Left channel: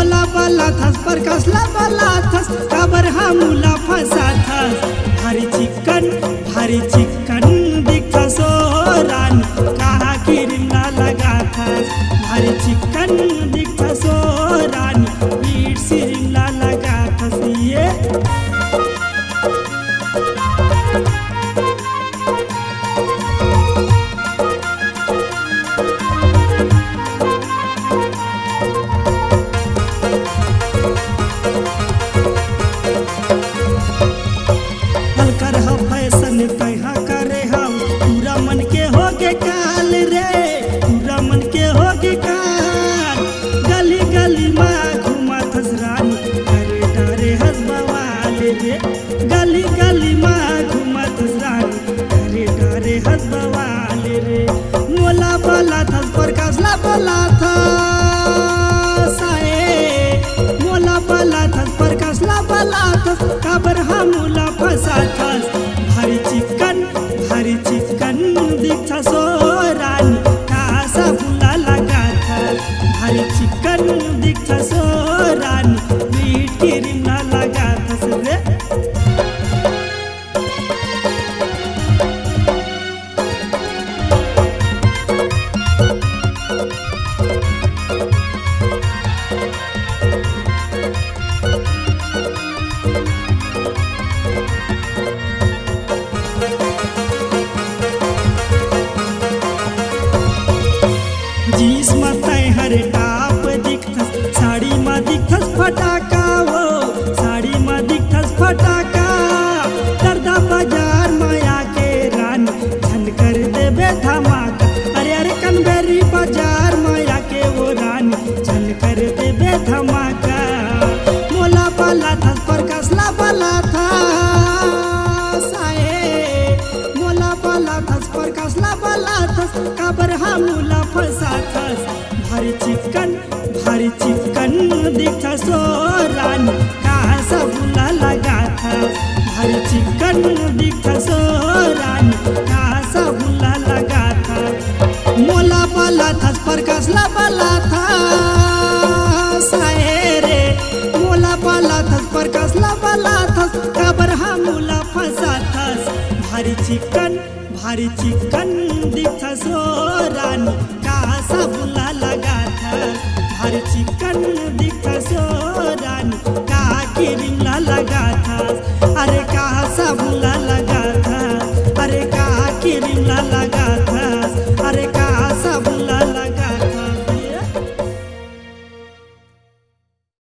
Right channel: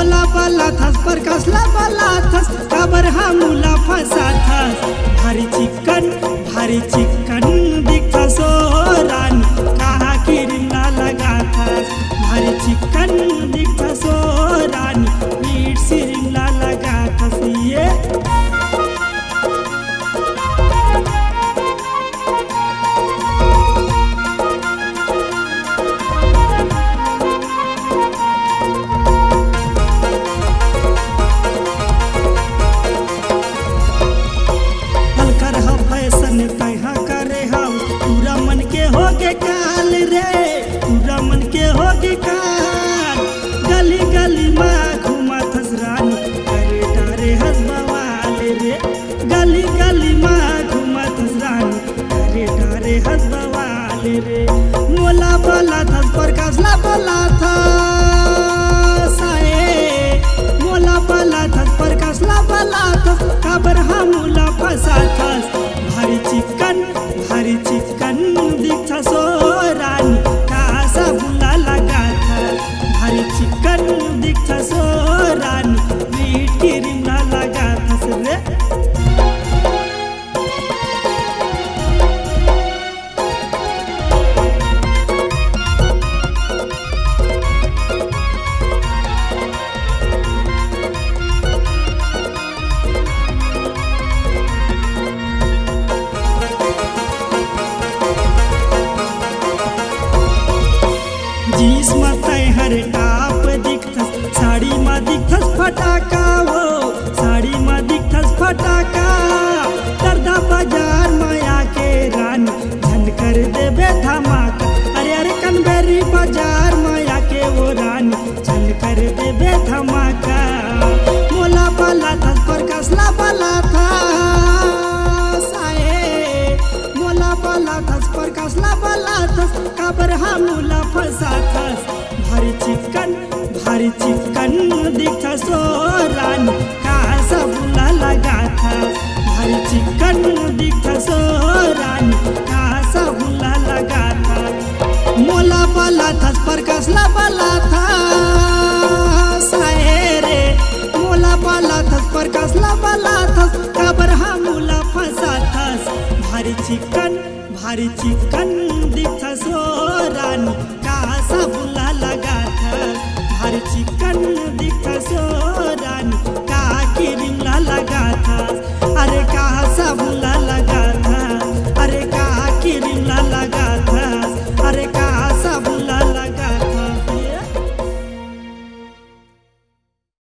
मोला बाला थस पर कसला बाला थस काबर हमला फसा थस भारी चिकन दिखा सो रानी कहा क्रीम ना लगा थस भारी चिकन दिखा सो रानी मीठ क्रीम ना लगा थस ये फैशन तहा करे हम पूरा मन के होगे काल रे पूरा मन के होगे काल गली गली में घुमा थस रानी करे डारे हंस बवाल रे गली गली में घुमा थस रानी करे डारे हंस बवाल रे मोला बाला थस पर कसला बाला था मोला बाला थस पर कसला बाला थस काबर हमला फसा थस भारी चिकन दिखा सो रानी कासा बुला लगा थस भारी चिकन दिखा सो रानी मीठ क्रीम ना लगा थस रे जीस मताई हर टाप दिखथस साड़ी में दिखथस फटाका वो साड़ी में दिखथस फटाका दर्दा बाजार माया के रानी झन कर देबे धमाका अरे कनबेरी बाजार माया के वो रानी झन कर देबे धमाका मोला बाला थस पर कसला बाला था मोला बाला थस पर कसला बाला थस काबर हमला फसा थस भारी चिकन दिखा सो रानी कहा सबला लगा थस भारी चिकन दिखा सो रानी कहा सबला लगा थस मोला बाला थस पर कसला बाला था रे मोला बाला थस पर कसला बाला थस काबर हमला फसा थस भारी चिकन दिखा सो रानी कहा सबला लगा थस भारी चिकन दिखा सो रानी कहा क्रीम ना लगा थस